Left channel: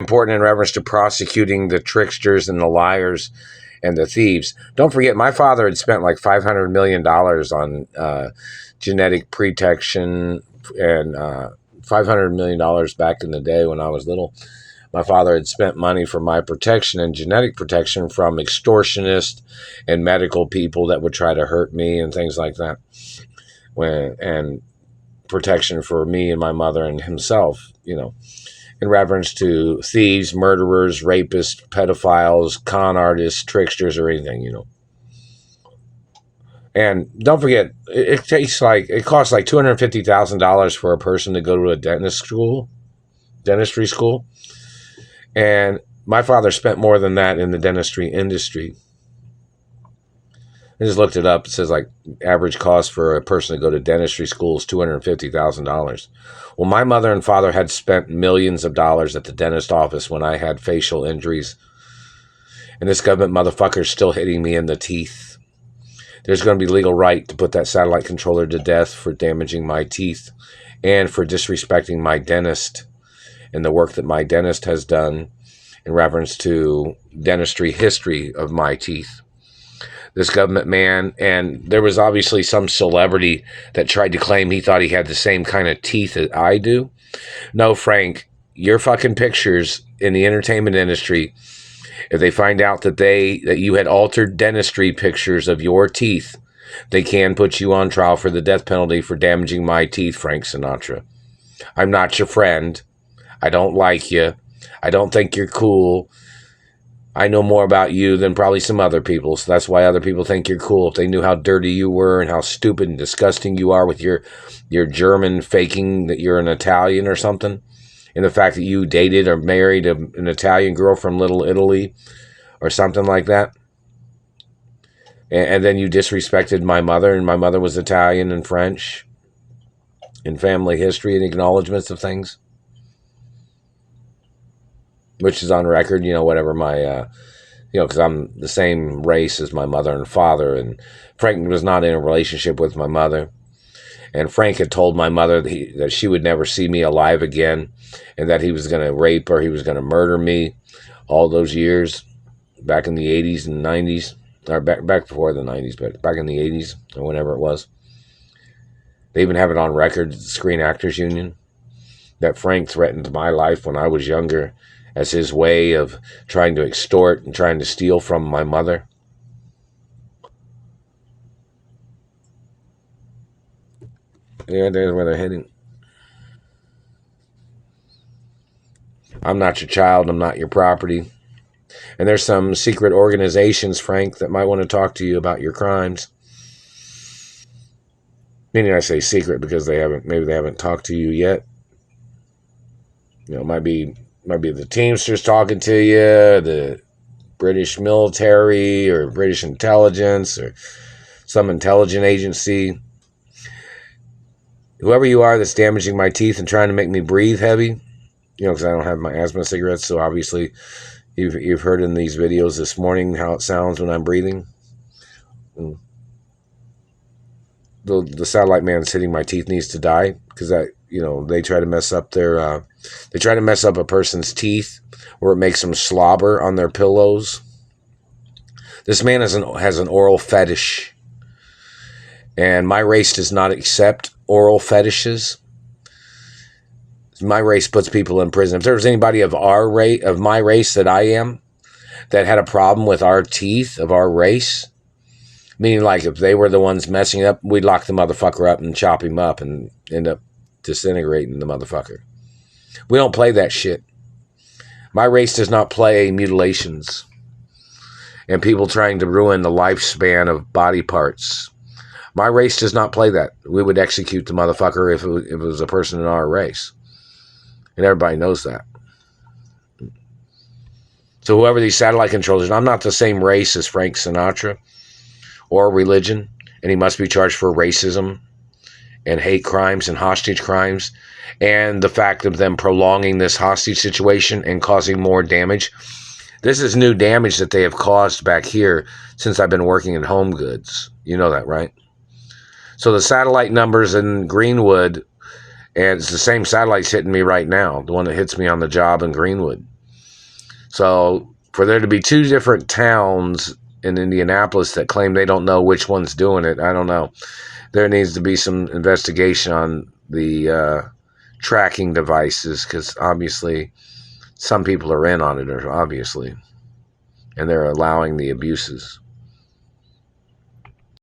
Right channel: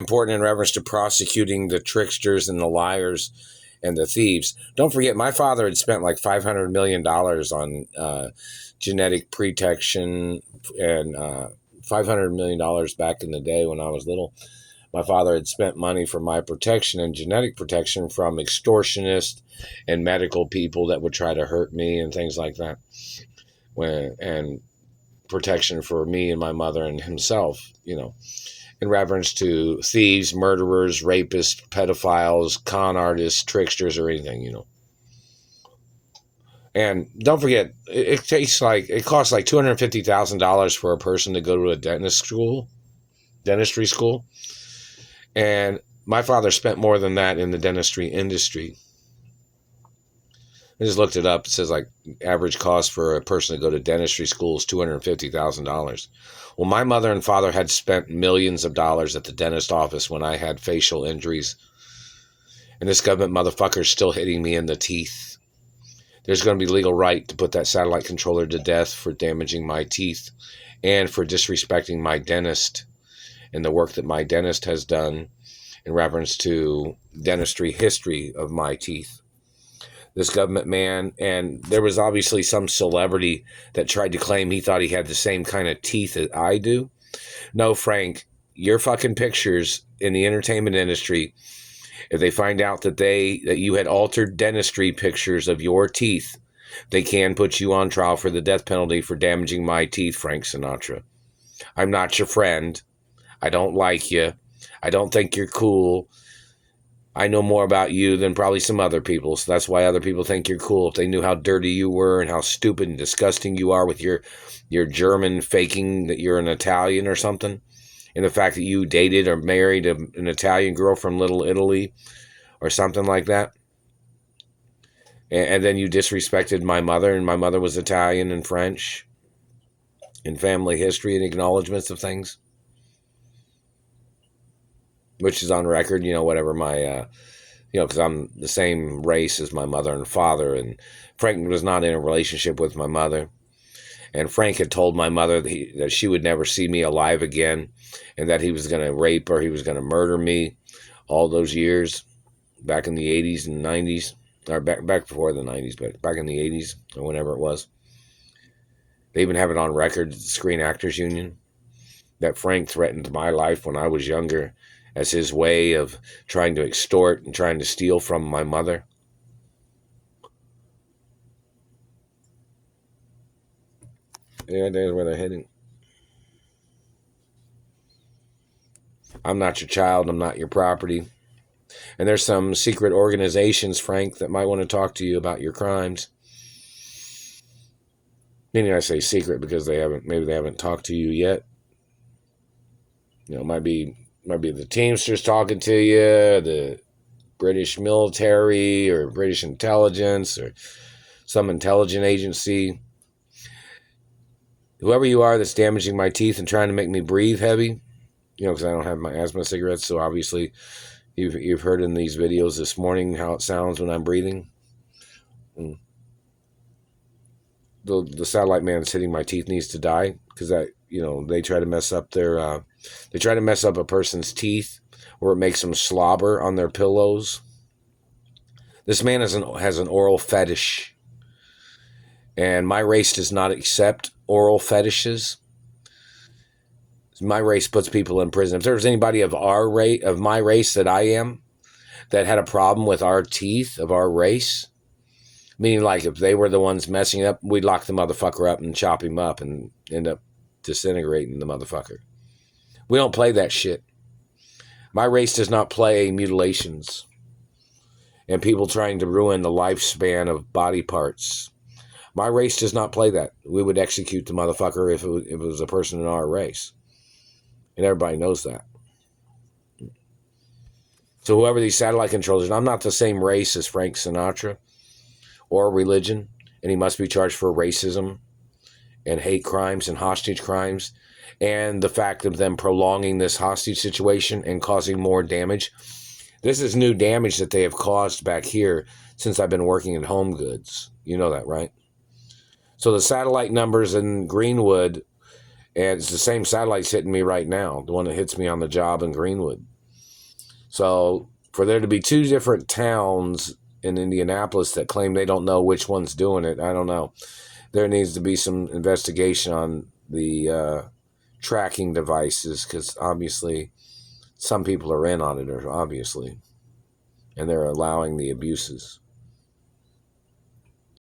Important in reference to prosecuting the tricksters and the liars and the thieves. Don't forget, my father had spent like $500 million on genetic protection and $500 million back in the day when I was little. My father had spent money for my protection and genetic protection from extortionists and medical people that would try to hurt me and things like that. And protection for me and my mother and himself, in reference to thieves, murderers, rapists, pedophiles, con artists, tricksters, or anything, And don't forget, it costs like $250,000 for a person to go to a dentistry school. And my father spent more than that in the dentistry industry. I just looked it up. It says like average cost for a person to go to dentistry school is $250,000. Well, my mother and father had spent millions of dollars at the dentist office when I had facial injuries. And this government motherfucker is still hitting me in the teeth. There's going to be legal right to put that satellite controller to death for damaging my teeth and for disrespecting my dentist and the work that my dentist has done in reference to dentistry history of my teeth. This government man, and there was obviously some celebrity that tried to claim he thought he had the same kind of teeth that I do. No, Frank, your fucking pictures in the entertainment industry, if they find out that you had altered dentistry pictures of your teeth, they can put you on trial for the death penalty for damaging my teeth, Frank Sinatra. I'm not your friend. I don't like you. I don't think you're cool. I know more about you than probably some other people, so that's why other people think you're cool. If they knew how dirty you were and how stupid and disgusting you are with your German faking that you're an Italian or something, and the fact that you dated or married an Italian girl from Little Italy or something like that, and then you disrespected my mother, and my mother was Italian and French in family history and acknowledgments of things, which is on record, whatever my, because I'm the same race as my mother and father, and Frank was not in a relationship with my mother, and Frank had told my mother that she would never see me alive again, and that he was going to rape or he was going to murder me all those years, back in the 80s and 90s, or back before the 90s, but back in the 80s, or whenever it was. They even have it on record, the Screen Actors Union, that Frank threatened my life when I was younger, as his way of trying to extort and trying to steal from my mother. Yeah, there's where they're heading. I'm not your child. I'm not your property. And there's some secret organizations, Frank, that might want to talk to you about your crimes. Meaning I say secret because maybe they haven't talked to you yet. It might be the Teamsters talking to you, the British military or British intelligence or some intelligence agency. Whoever you are that's damaging my teeth and trying to make me breathe heavy, because I don't have my asthma cigarettes, so obviously you've heard in these videos this morning how it sounds when I'm breathing. The satellite man sitting my teeth needs to die because they try to mess up a person's teeth where it makes them slobber on their pillows. This man has an oral fetish, and my race does not accept oral fetishes. My race puts people in prison. If there's anybody of my race that I am, that had a problem with our teeth of our race, meaning like if they were the ones messing up, we'd lock the motherfucker up and chop him up and end up disintegrating the motherfucker. We don't play that shit. My race does not play mutilations and people trying to ruin the lifespan of body parts. My race does not play that. We would execute the motherfucker if it was a person in our race. And everybody knows that. So whoever these satellite controllers, I'm not the same race as Frank Sinatra or religion, and he must be charged for racism and hate crimes and hostage crimes, and the fact of them prolonging this hostage situation and causing more damage. This is new damage that they have caused back here since I've been working in home goods. You know that, right? So the satellite numbers in Greenwood, and it's the same satellites hitting me right now, the one that hits me on the job in Greenwood. So for there to be two different towns in Indianapolis that claim they don't know which one's doing it, I don't know. There needs to be some investigation on the tracking devices, because obviously some people are in on it, obviously, and they're allowing the abuses.